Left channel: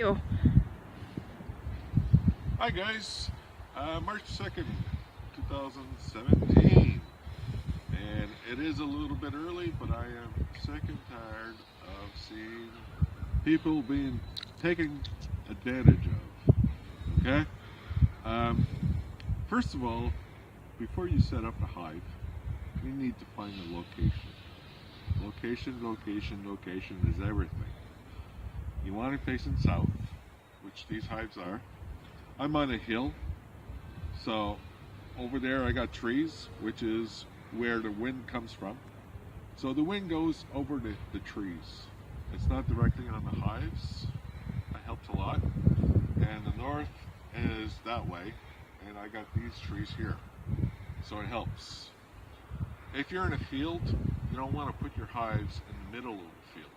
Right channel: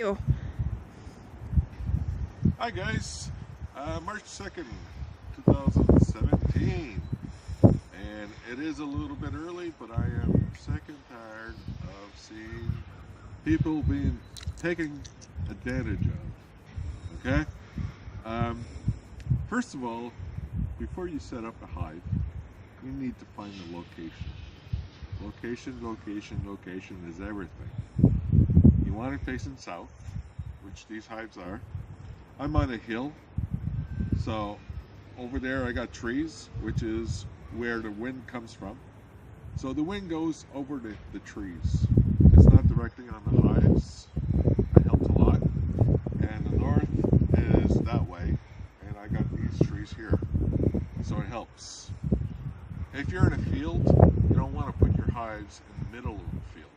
You. Hi guys, March 2nd, 2017, and it is a little bit early, but I am sick and tired of seeing people being taken advantage of, okay? Um, First of all, before you set up a hive, you need to find the location. Location is everything. You want it facing south, which these hives are. I'm on a hill, so over there I got trees, which is where the wind comes from. So the wind goes over the trees. It's not directly on the hives. That helps a lot. And the north is that way, and I got these trees here. So it helps. If you're in a field, you don't want to put your hives in the middle of the field.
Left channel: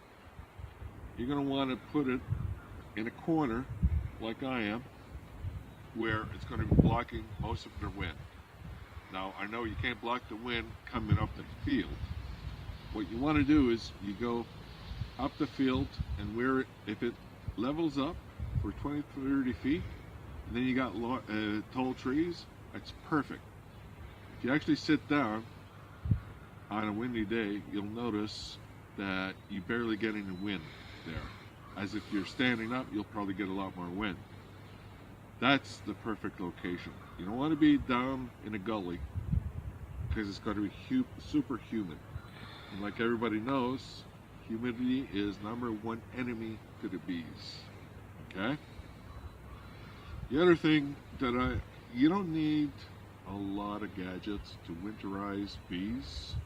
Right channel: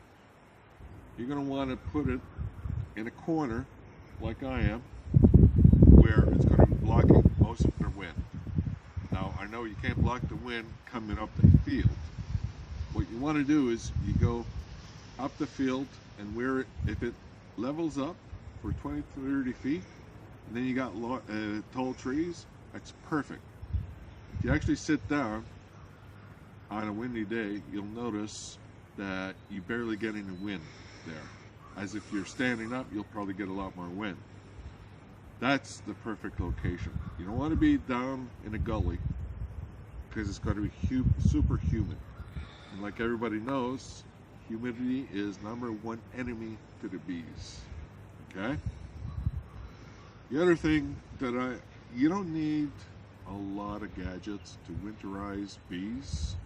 You're going to want to put it in a corner, like I am, where it's going to be blocking most of their wind. Now, I know you can't block the wind coming up the field. What you want to do is you go up the field, and if it levels up for 20 to 30 feet, and then you got tall trees, that's perfect. If you actually sit down on a windy day, you'll notice that you barely get any wind there. As if you're standing up, you'll probably get a lot more wind. That's the perfect location. You don't want to be down in a gully because it's going to be super humid. And like everybody knows, humidity is #1 enemy to the bees. Okay? The other thing that you don't need a lot of gadgets to winterize bees.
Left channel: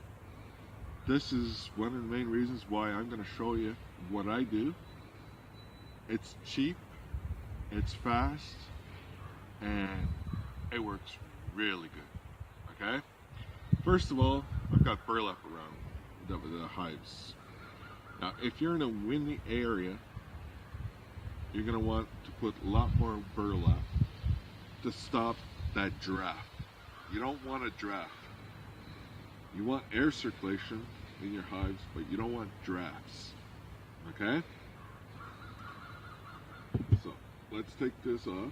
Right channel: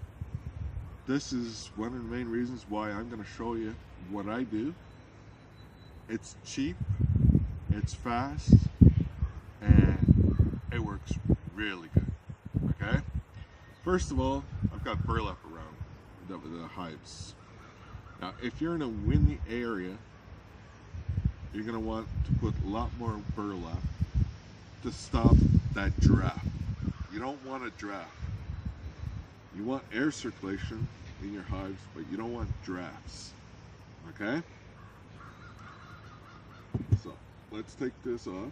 This is one of the main reasons why I'm going to show you what I do. It's cheap, it's fast, and it works really good. Okay? First of all, I've got burlap around the hives. Now, if you're in a windy area, you're going to want to put a lot more burlap to stop that draft. You don't want a draft. You want air circulation in your hives, but you don't want drafts. Okay? So, let's take this off.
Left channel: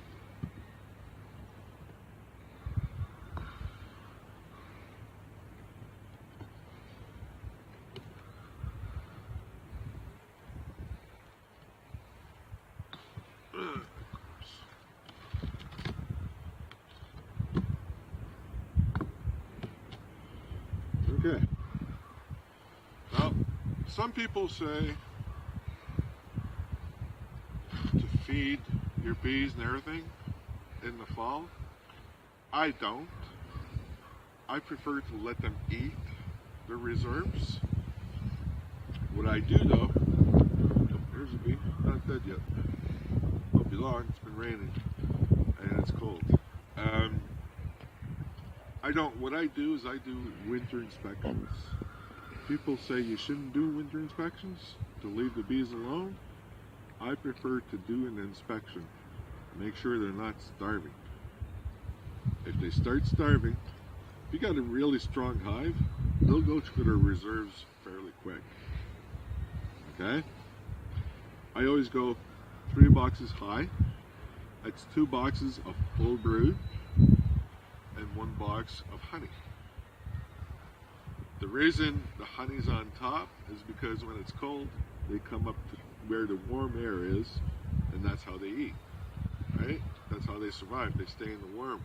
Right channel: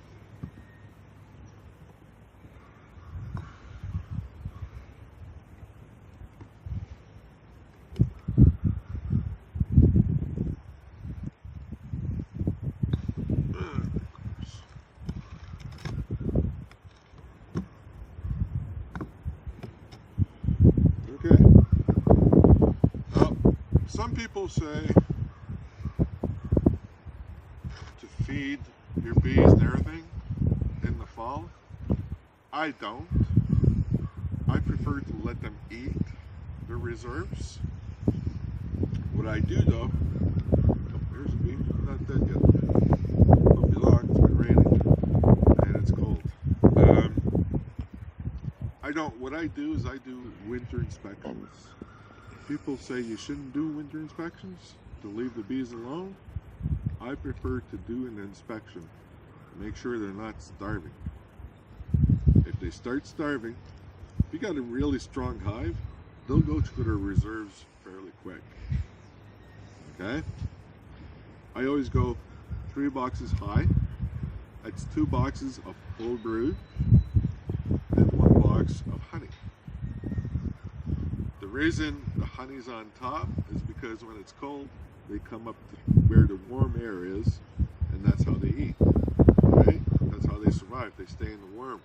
Okay. Now, some people say to feed your bees and everything in the fall. I don't. I prefer to let them eat their reserves. What I do though, oh, there's a bee, not dead yet. Won't be long, it's been raining and it's cold. What I do is I do winter inspections. People say you shouldn't do winter inspections, to leave the bees alone. I prefer to do an inspection, make sure they're not starving. If they start starving, if you got a really strong hive, they'll go through their reserves fairly quick. Okay? I always go 3 boxes high. That's 2 boxes of full brood and 1 box of honey. The reason the honey's on top is because when it's cold, they come up to where the warm air is, and that's how they eat. Right? That's how they survive. They stay in the warm.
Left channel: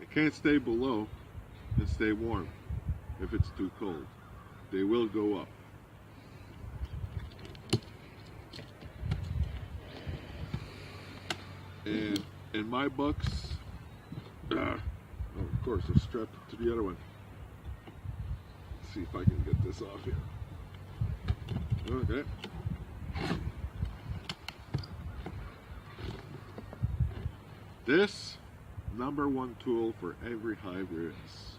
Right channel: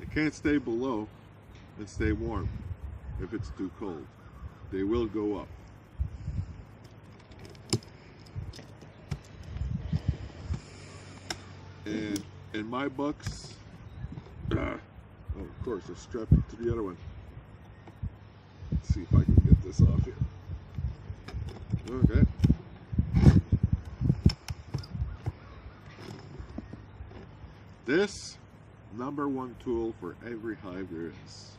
They can't stay below and stay warm if it's too cold. They will go up. And in my books, oh, of course, I strapped it to the other one. Let's see if I can get this off here. Okay. This #1 tool for every hive there is.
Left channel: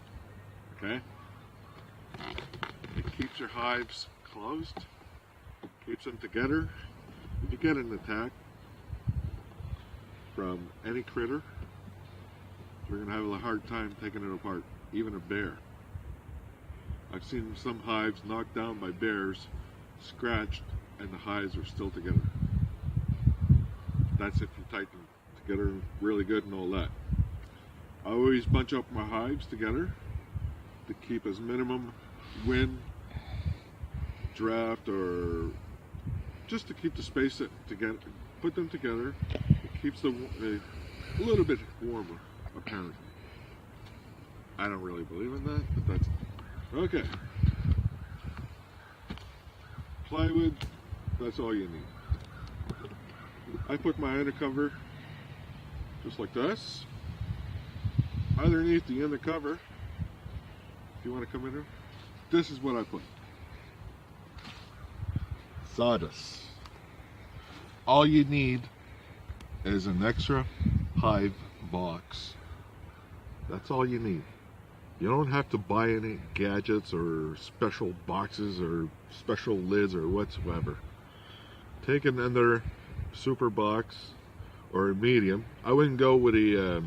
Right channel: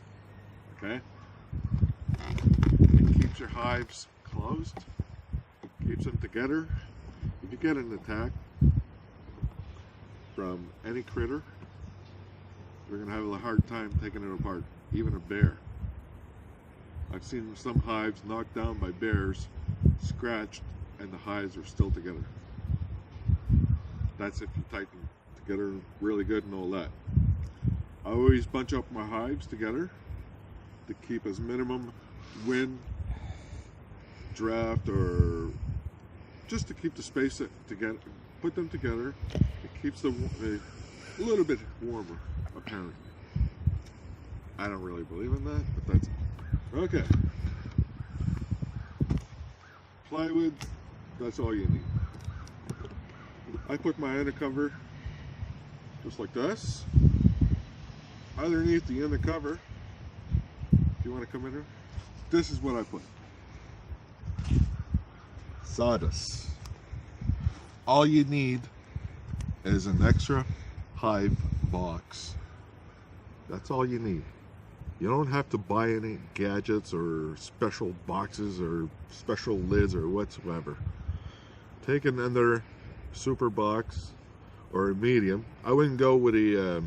Okay? It keeps your hives closed, keeps them together. If you get an attack from any critter, you're going to have a hard time taking it apart, even a bear. I've seen some hives knocked down by bears, scratched, and the hives are still together. That's if you tighten together really good and all that. I always bunch up my hives together to keep as minimum wind, draft, or just to keep the space together. Put them together. It keeps them a little bit warmer, apparently. I don't really believe in that, but that's okay. Plywood, that's all you need. I put my undercover just like this. Underneath the undercover, if you want to come in here, this is what I put. Sawdust. All you need is an extra hive box. That's all you need. You don't have to buy any gadgets or special boxes or special lids or whatsoever. Take another super box or a medium. I wouldn't go with a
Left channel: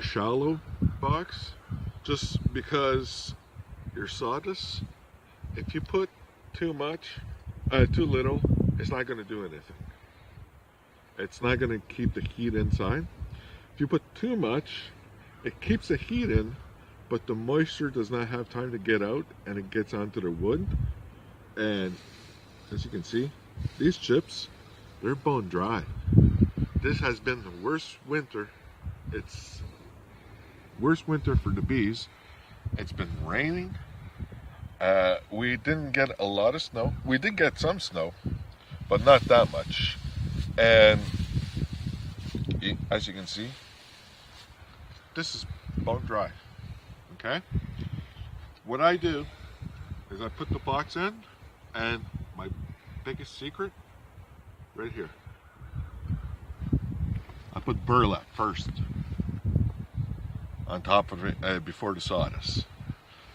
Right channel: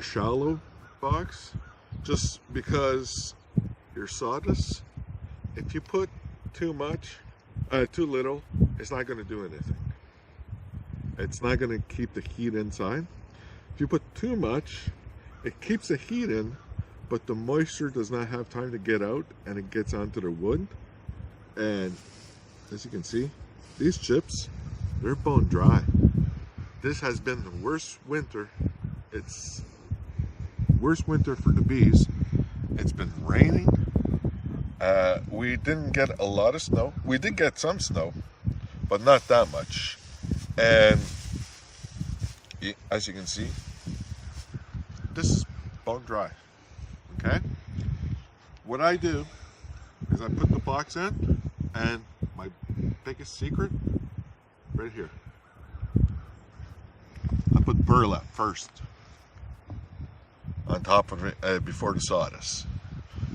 shallow box, just because your sawdust, if you put too little, it's not going to do anything. It's not going to keep the heat inside. If you put too much, it keeps the heat in, but the moisture does not have time to get out, and it gets onto the wood. And as you can see, these chips, they're bone dry. This has been the worst winter. It's worst winter for the bees. It's been raining. We didn't get a lot of snow. We did get some snow, but not that much. And as you can see, this is bone dry. Okay? What I do is I put the box in, and my biggest secret, right here, I put burlap first on top of it before the sawdust.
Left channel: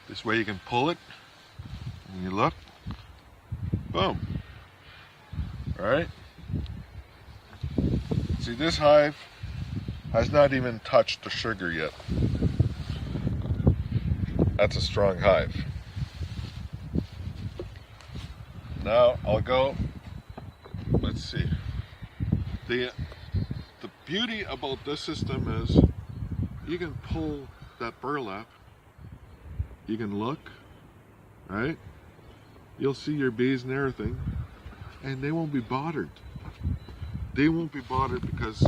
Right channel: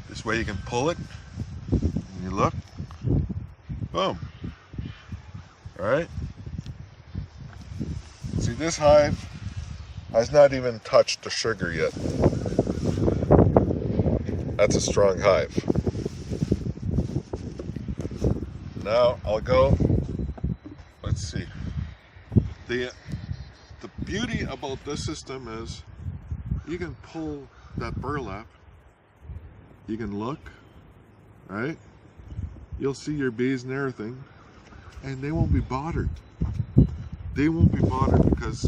This way you can pull it, and you look, boom. All right? See, this hive has not even touched the sugar yet. That's a strong hive. Now I'll go, let's see. The beauty about this system is you can pull that burlap, you can look, right? You'll see your bees and everything, and they won't be bothered. They won't be bothered because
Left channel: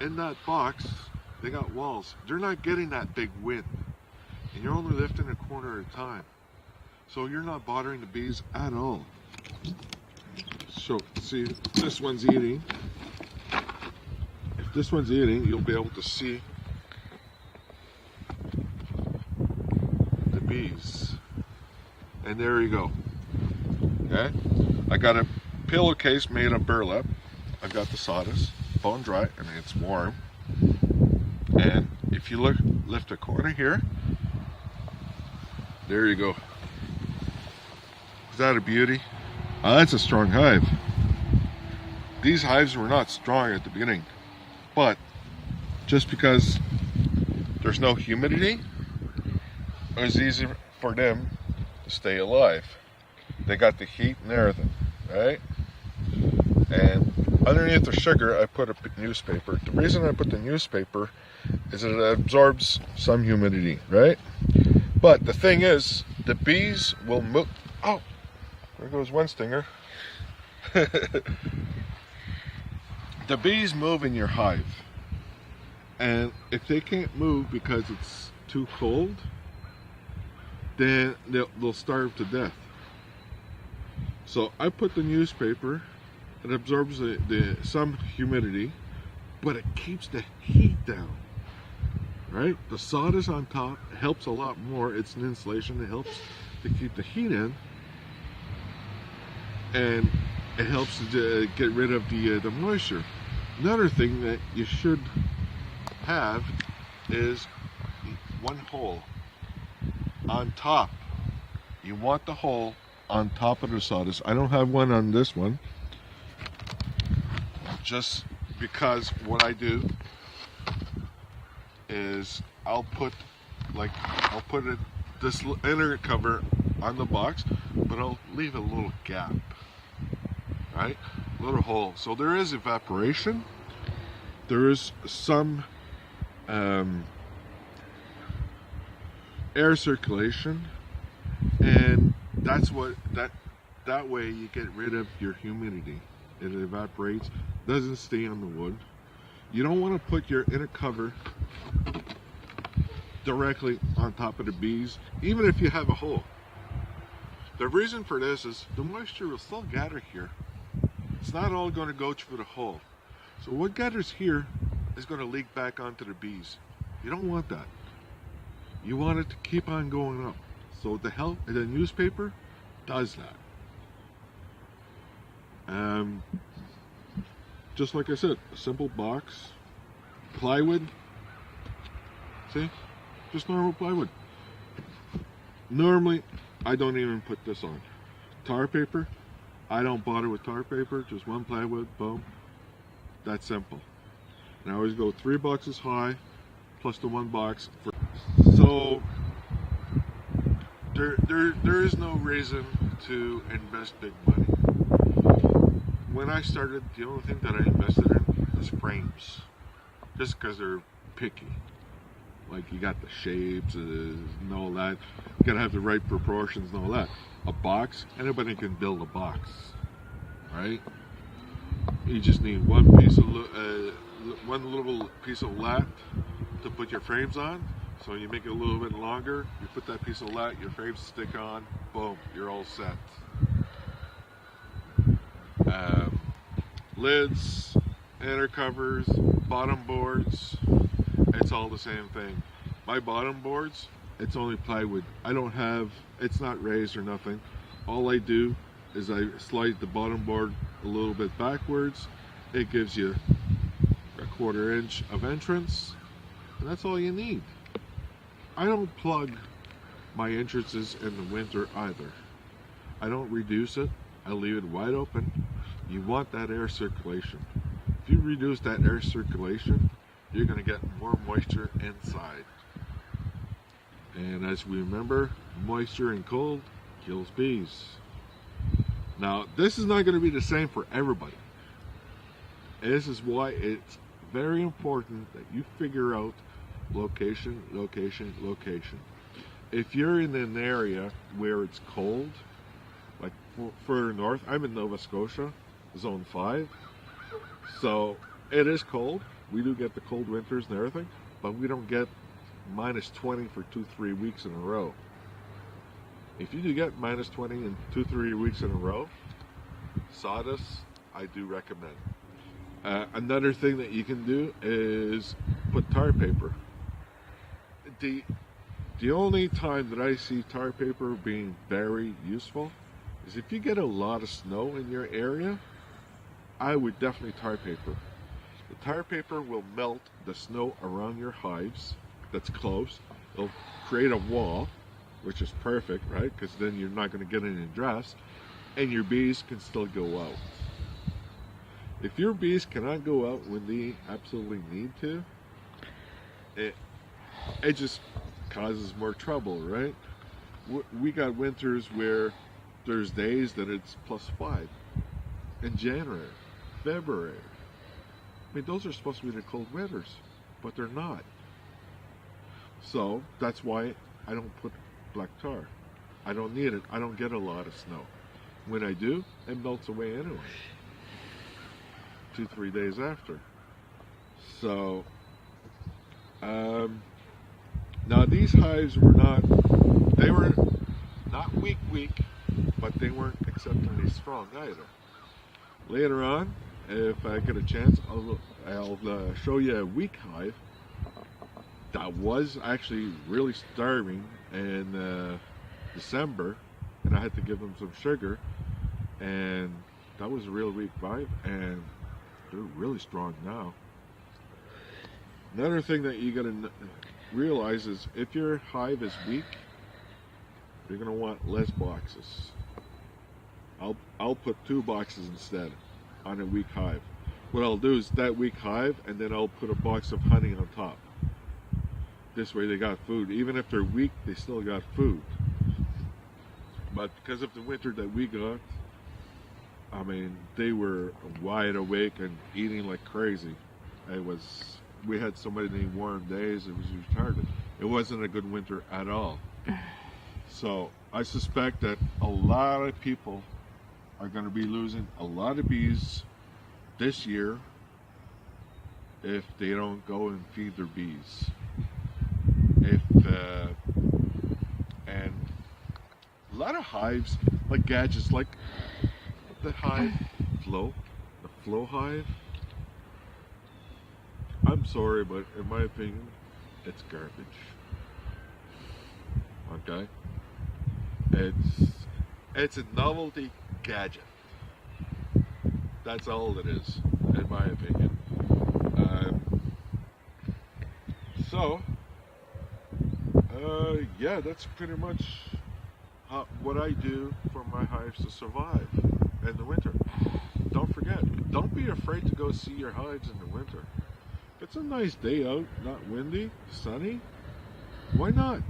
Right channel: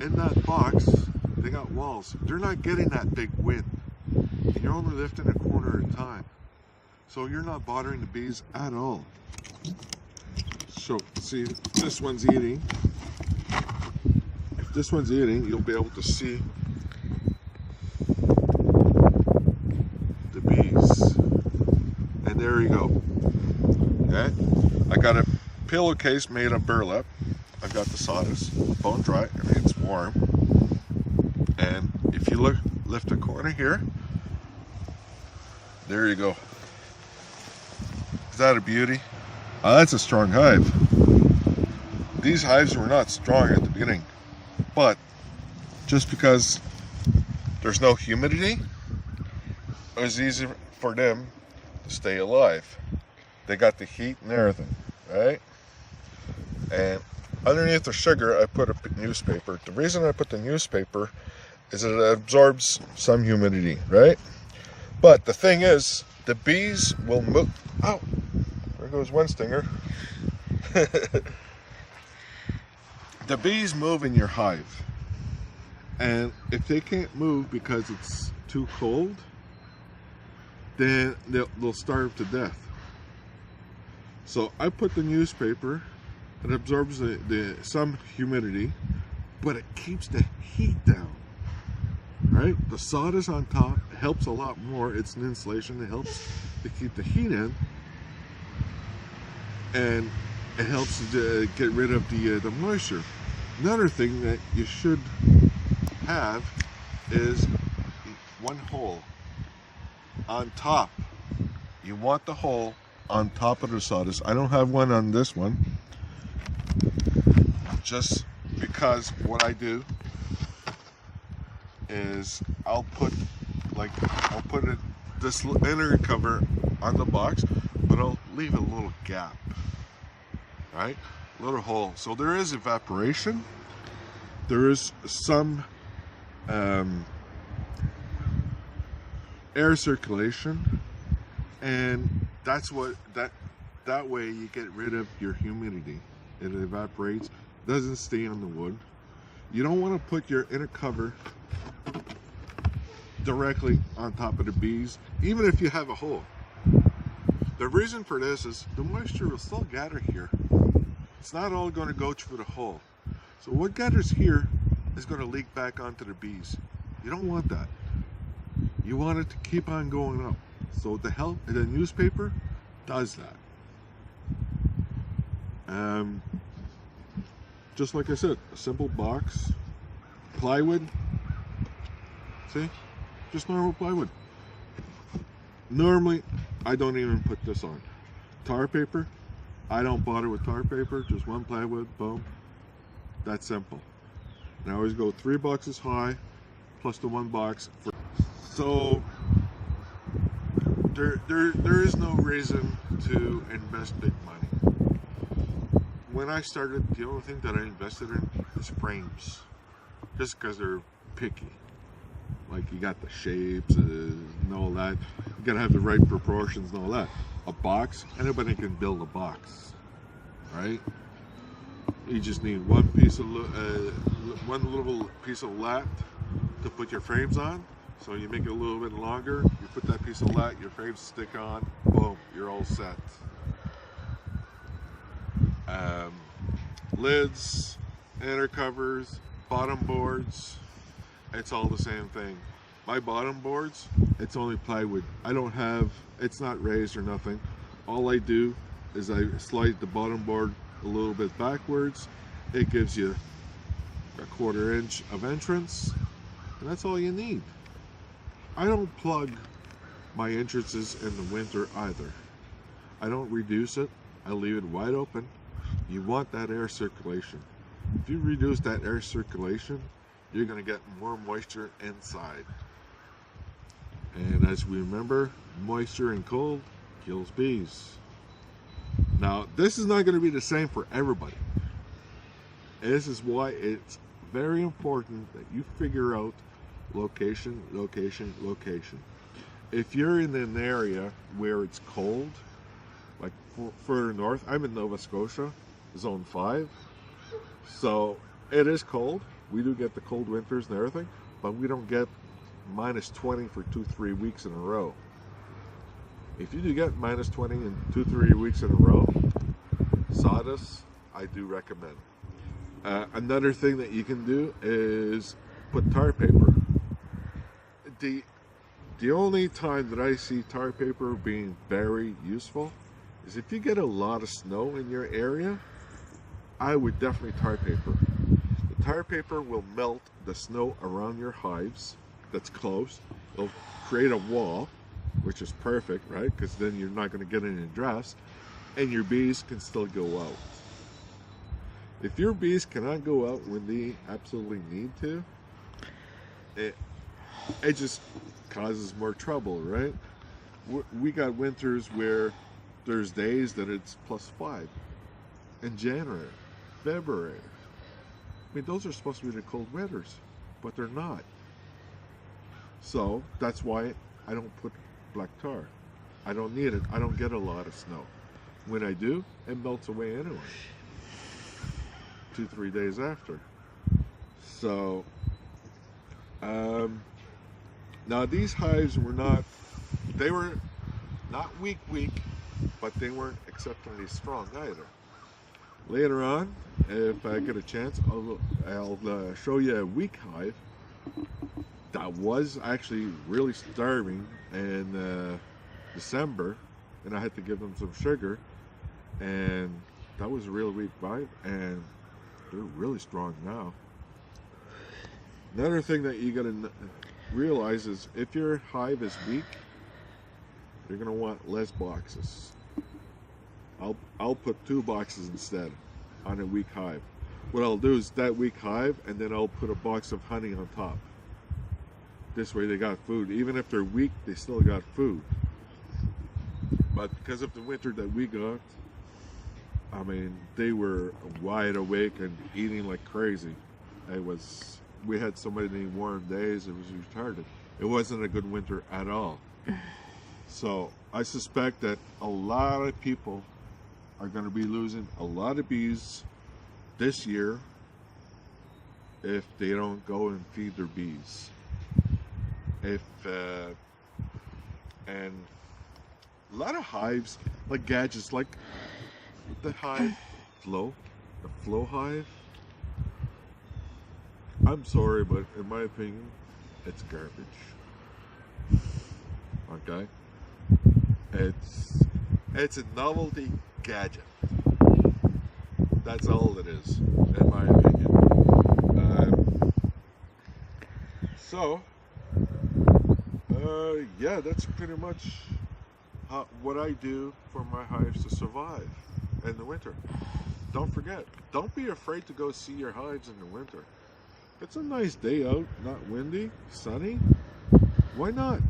in that box, they got walls. They're not getting that big wind, and you're only lifting a corner at a time. So you're not bothering the bees at all. So see, this one's eating. If this one's eating, you'll be able to see the bees. And there you go. Okay? I got a pillowcase made of burlap. I've got the sawdust, bone dry, and it's warm. And if you lift a corner here, there you go. Is that a beauty? That's a strong hive. These hives were not strong at the beginning, but just because there's no humidity, it was easy for them to stay alive. They got the heat and everything, right? And underneath the sugar, I put a newspaper. The reason I put the newspaper is it absorbs some humidity, right? But the thing is, the bees will move. Oh, there goes one stinger. The bees move in your hive, and if they can't move because it's too cold, then they'll starve to death. So I put the newspaper. It absorbs some humidity, but it keeps the heat down, right? The sawdust on top helps a lot more. It's an insulation. It helps to keep the heat in, and it helps to get rid of the moisture. Another thing that you should have is one hole on top. You want the hole on top of the sawdust. I don't have one on this one, just because what I do is I'll put this inner cover on the box, but I'll leave a little gap, right? little hole. So there is evaporation. There is some air circulation, and that's what that way you get rid of your humidity. It evaporates, doesn't stay on the wood. You don't want to put your inner cover directly on top of the bees, even if you have a hole. The reason for this is the moisture will still gather here. It's not all going to go through the hole. So what gathers here is going to leak back onto the bees. You don't want that. You want it to keep on going up. So the newspaper does that. Just like I said, a simple box, plywood. See, just normal plywood. Normally, I don't even put this on. Tar paper, I don't bother with tar paper, just one plywood, boom. That's simple. And I always go 3 boxes high, plus the 1 box for. So there is no reason to invest big money. When I started, the only thing that I invested in is frames, just because they're picky. Like, you got the shapes and all that. You gotta have the right proportions and all that. A box, anybody can build a box, right? You just need one little piece of lat to put your frames on. So you make it a little bit longer. You put that piece of lat, your frames stick on. Boom, you're all set. Lids, inner covers, bottom boards. It's all the same thing. My bottom boards, it's only plywood. I don't have, it's not raised or nothing. All I do is I slide the bottom board a little bit backwards. It gives you a 1/4 inch of entrance, and that's all you need. I don't plug my entrances in the winter either. I don't reduce it. I leave it wide open. You want that air circulation. If you reduce that air circulation, you're going to get more moisture inside. And as we remember, moisture and cold kills bees. Now, this is not going to be the same for everybody. This is why it's very important that you figure out location, location, location. If you're in an area where it's cold, like further north, I'm in Nova Scotia, zone 5, so it is cold. We do get the cold winters and everything, but we don't get -20 for 2-3 weeks in a row. If you do get -20 in 2-3 weeks in a row, Sawdust, I do recommend. Another thing that you can do is put tar paper. The only time that I see tar paper being very useful is if you get a lot of snow in your area. I would definitely tar paper. The tar paper will melt the snow around your hives that's close. It'll create a wall, which is perfect, right? Because then you're not going to get any drafts, and your bees can still go out. If your bees cannot go out when they absolutely need to, it just causes more trouble, right? We got winters where there's days that it's +5 in January, February. I mean, those are supposed to be the cold winters, but they're not. So that's why I don't put black tar. I don't need it. I don't get a lot of snow. When I do, it melts away anyway. 2-3 days after. So now these hives were not weak, but they weren't exceptionally strong either. Later on, if I get a chance, I'll show you a weak hive that was actually really starving in December, and I had to give them some sugar, and that was a real weak hive, and they're really strong now. Another thing that you gotta realize is if your hive is weak, you're gonna want less boxes. I'll put 2 boxes instead on a weak hive. What I'll do is that weak hive, and then I'll put a box of honey on top. This way they got food. Even if they're weak, they still got food. But because of the winter that we got, I mean, they were wide awake and eating like crazy. We had so many warm days, it was retarded. It wasn't a good winter at all. So I suspect that a lot of people are going to be losing a lot of bees this year if they don't go and feed their bees. And a lot of hives, like gadgets, like the Hive Flow, the Flow Hive. I'm sorry, but in my opinion, it's garbage. Okay, it's a novelty gadget. That's all it is, in my opinion. So, yeah, that's pretty much what I do for my hives to survive in the winter. Don't forget, don't be afraid to go see your hives in the winter. It's a nice day out, not windy, sunny. Why not?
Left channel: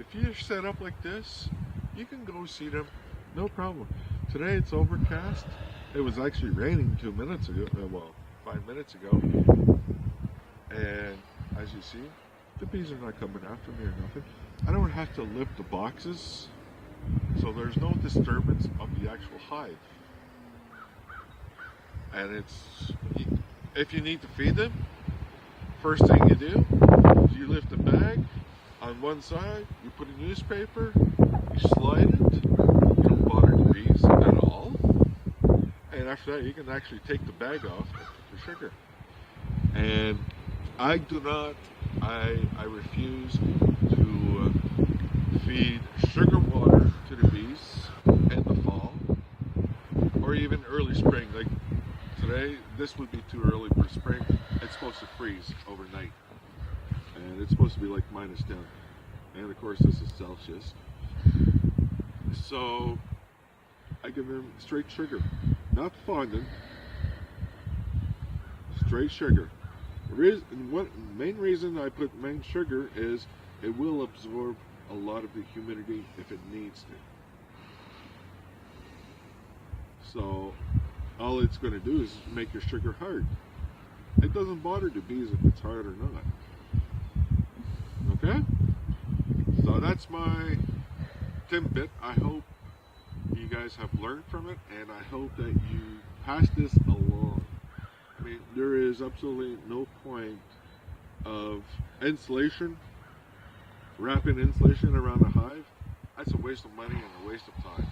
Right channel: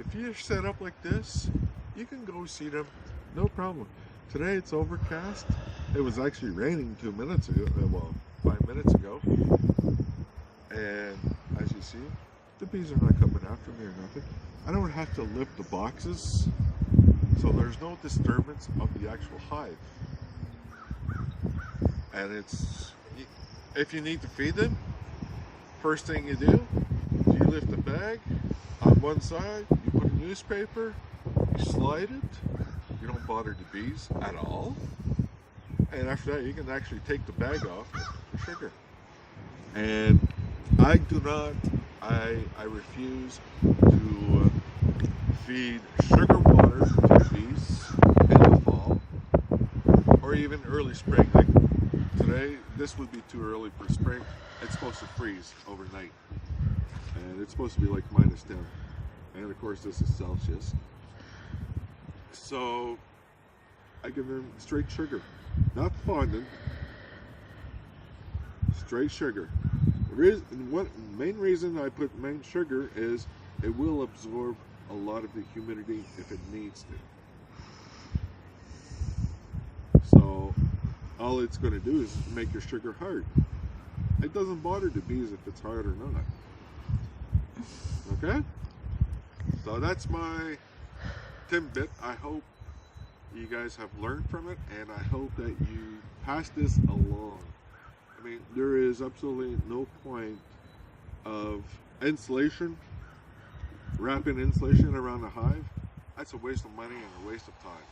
If you're set up like this, you can go see them, no problem. Today it's overcast. It was actually raining 2 minutes ago, well, 5 minutes ago. And as you see, the bees are not coming after me or nothing. I don't have to lift the boxes, so there's no disturbance of the actual hive. And if you need to feed them, first thing you do is you lift the bag on one side, you put a newspaper, you slide it, you don't bother the bees at all. And after that, you can actually take the bag off and put your sugar. And I refuse to feed sugar water to the bees in the fall or even early spring. Like today, this would be too early for spring. It's supposed to freeze overnight. And it's supposed to be like -10. And of course, this is Celsius. So I give them straight sugar, not fondant, straight sugar. One main reason I put main sugar is it will absorb a lot of the humidity if it needs to. So all it's going to do is make your sugar hard. It doesn't bother the bees if it's hard or not. Okay? So that's my tidbit. I hope you guys have learned from it, and I hope that you pass this along. I mean, there is absolutely no point of insulation, wrapping insulation around a hive. That's a waste of money and a waste of time.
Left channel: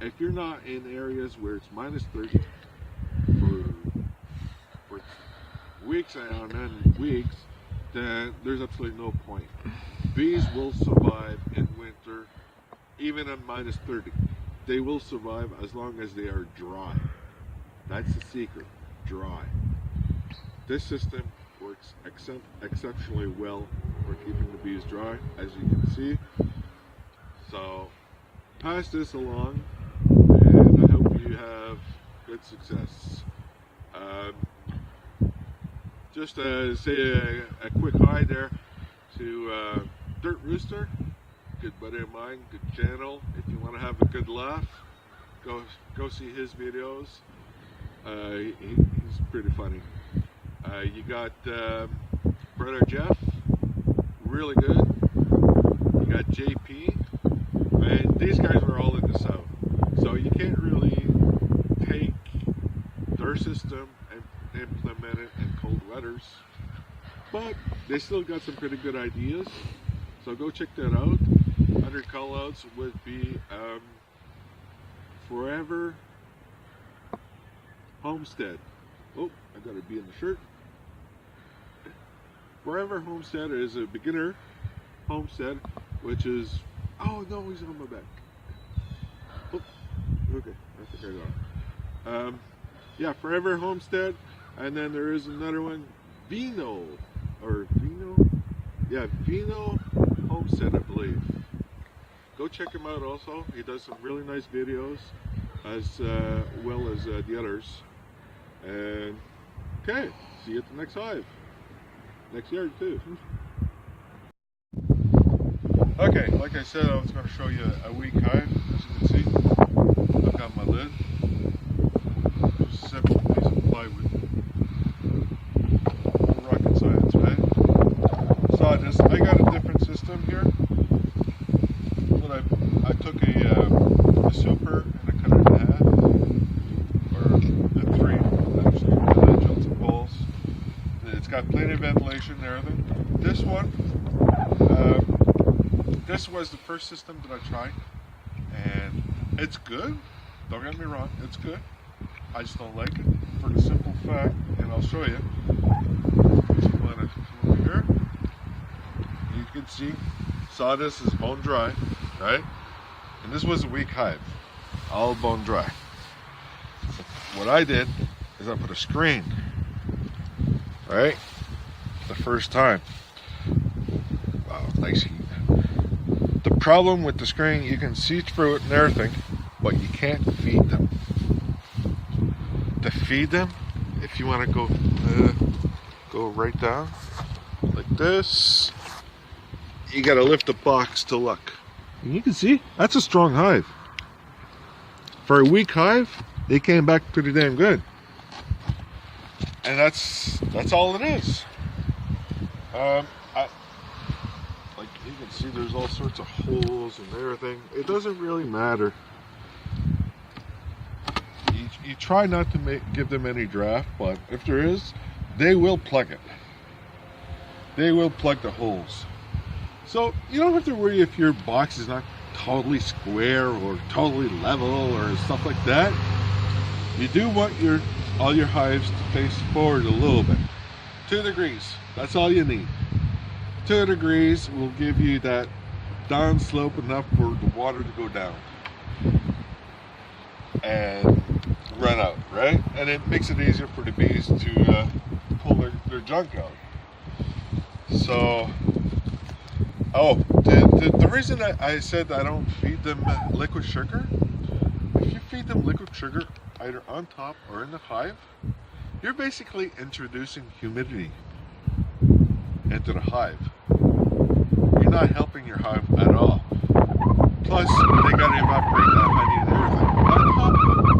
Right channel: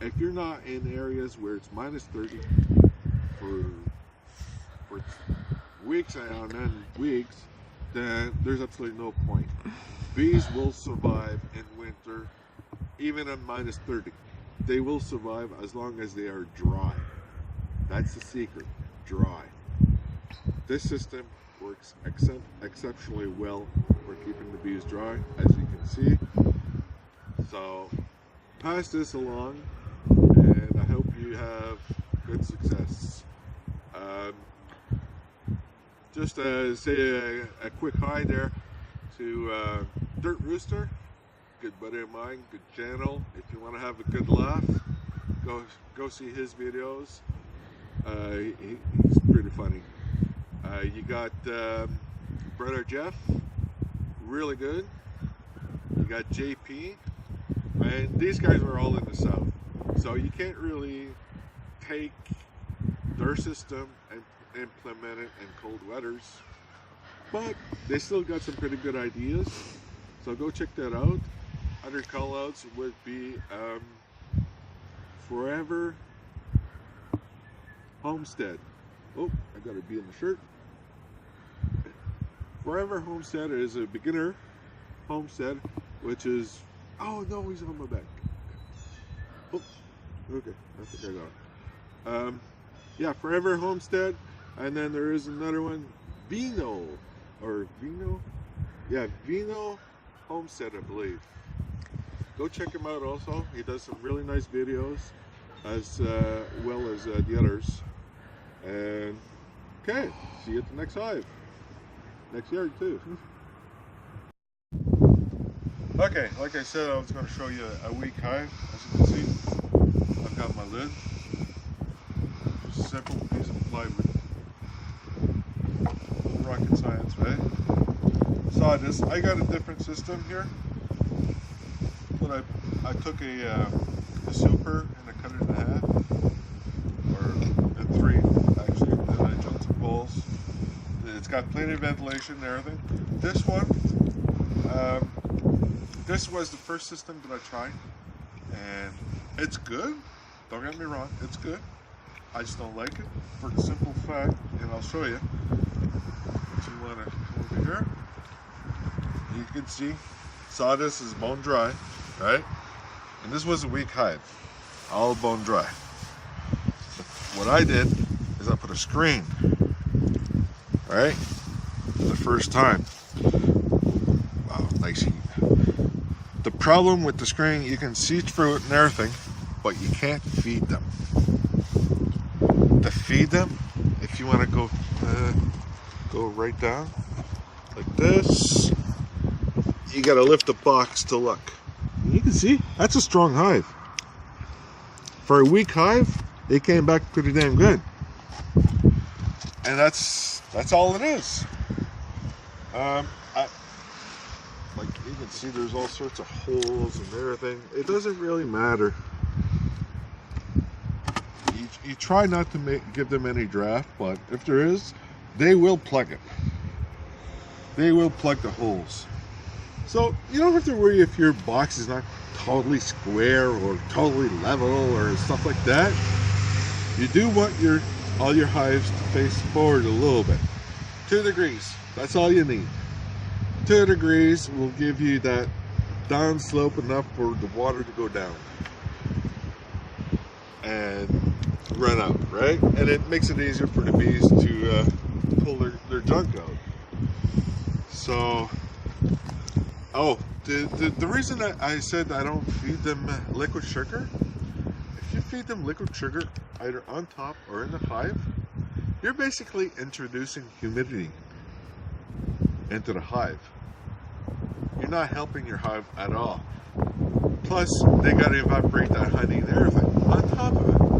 If you're not in areas where it's -30 for weeks on end weeks, then there's absolutely no point. Bees will survive in winter, even at -30. They will survive as long as they are dry. That's the secret, dry. This system works exceptionally well for keeping the bees dry, as you can see. So pass this along, and I hope you have good success. Just say a quick hi there to Dirt Rooster, good buddy of mine, good channel. If you want to have a good laugh, go see his videos. He's pretty funny. You got brother Jeff, really good. You got JP, and these guys are all in the south, so you can't really take their system and implement it in cold weathers, but they still got some pretty good ideas, so go check that out. Other call outs would be Forever Homestead. Oh, I got a bee in the shirt. Forever Homestead is a beginner homestead, which is, oh no, he's on my back. Oh, okay, I think I got it. Yeah, Forever Homestead, and then there is another one, Vino Homestead, I believe. Go check him out also. He does some really nice videos, as well as the others. And okay, see you at the next hive. Next yard too. Okay, like I said, I was going to show you a weak hive, as you can see. I've got my lid, just a simple piece of plywood. Rocket science, right? Sawdust. I got a different system here. But I took a super and I cut it in half, or in three actually, and I drilled some holes. It's got plenty of ventilation and everything. This one, this was the first system that I tried, and it's good. Don't get me wrong, it's good. I just don't like it for the simple fact, and I'll show you. If you want to come over here, you can see sawdust is bone dry, right? And this was a weak hive, all bone dry. What I did is I put a screen, right? For the first time. Wow, nice heat. The problem with the screen, you can see through it and everything, but you can't feed them. To feed them, if you want to go right down like this, you got to lift the box to look. And you can see that's a strong hive. For a weak hive, it came back pretty damn good. And that's all it is. Like you can see, there's all sorts of holes and everything. It doesn't really matter. You try not to give them any draft, but if there is, they will plug it. They will plug the holes. So you don't have to worry if your box is not totally square or totally level or stuff like that. You do want all your hives to face forward a little bit. 2 degrees, that's all you need. 2 degrees will give you that down slope enough for the water to go down and run out, right? And it makes it easier for the bees to pull their junk out. So, the reason I said I don't feed them liquid sugar, if you feed them liquid sugar either on top or in the hive, you're basically introducing humidity into the hive. You're not helping your hive at all. Plus, they got to evaporate that honey and everything on top of it,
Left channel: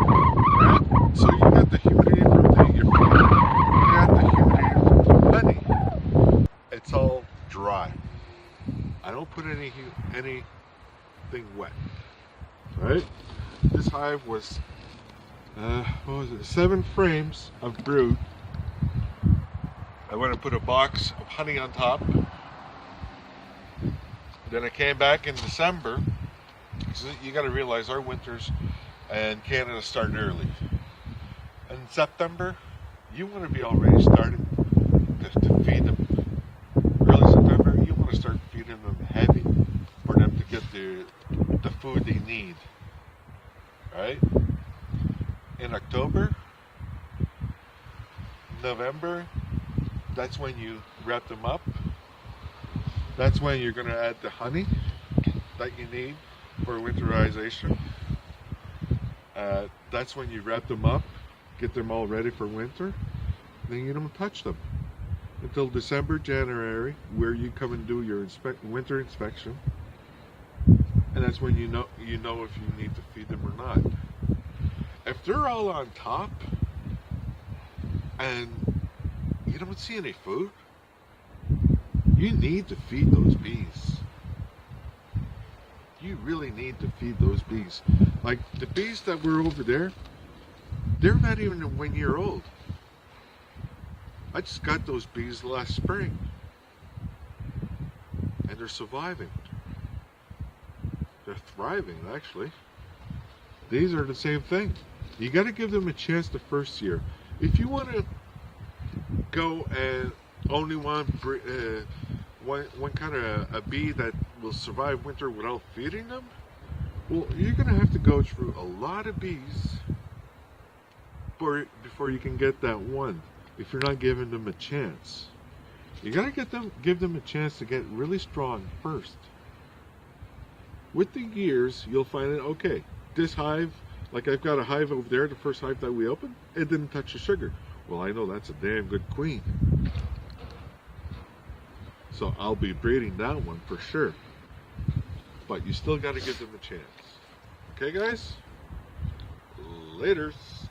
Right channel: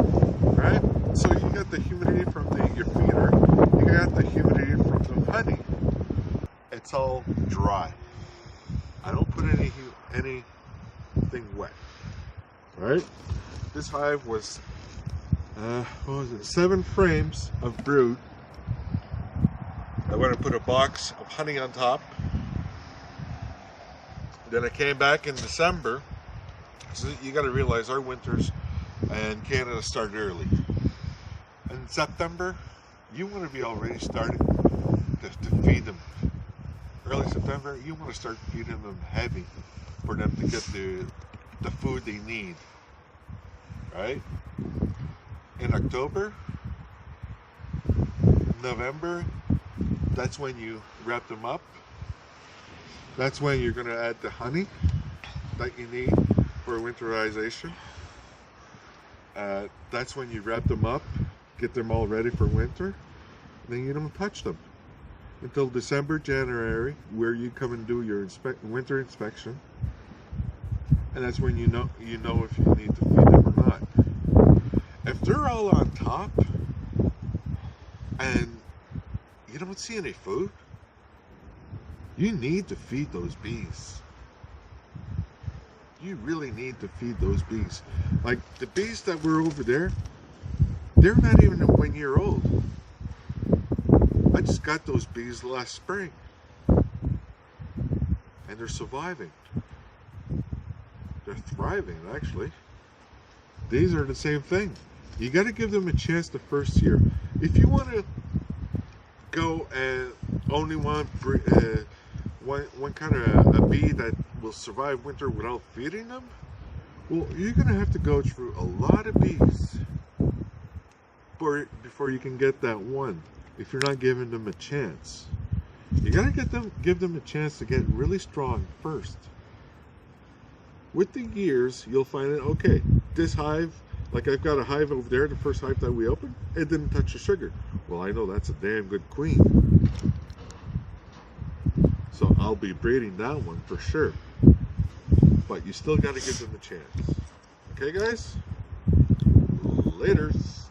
right? So you got the humidity from your feeder, you got the humidity from the honey. It's all dry. I don't put anything wet, right? This hive was, what was it, 7 frames of brood. I went and put a box of honey on top. Then I came back in December. So you got to realize our winters in Canada start early. In September, you want to be already starting to feed them. Early September, you want to start feeding them heavy for them to get the food they need, right? In October, November, that's when you wrap them up. That's when you're going to add the honey that you need for winterization. That's when you wrap them up, get them all ready for winter. Then you don't touch them until December, January, where you come and do your winter inspection. And that's when you know if you need to feed them or not. If they're all on top and you don't see any food, you need to feed those bees. You really need to feed those bees. Like the bees that were over there, they're not even 1 year old. I just got those bees last spring and they're surviving. They're thriving, actually. These are the same thing. You got to give them a chance the first year. If you want to go and only want one kind of a bee that will survive winter without feeding them, well, you're going to have to go through a lot of bees before you can get that one, if you're not giving them a chance. You got to give them a chance to get really strong first. With the years, you'll find that, okay, this hive, like I've got a hive over there, the first hive that we opened, it didn't touch the sugar. Well, I know that's a damn good queen. So I'll be breeding that one for sure. But you still got to give them a chance. Okay, guys? Laters.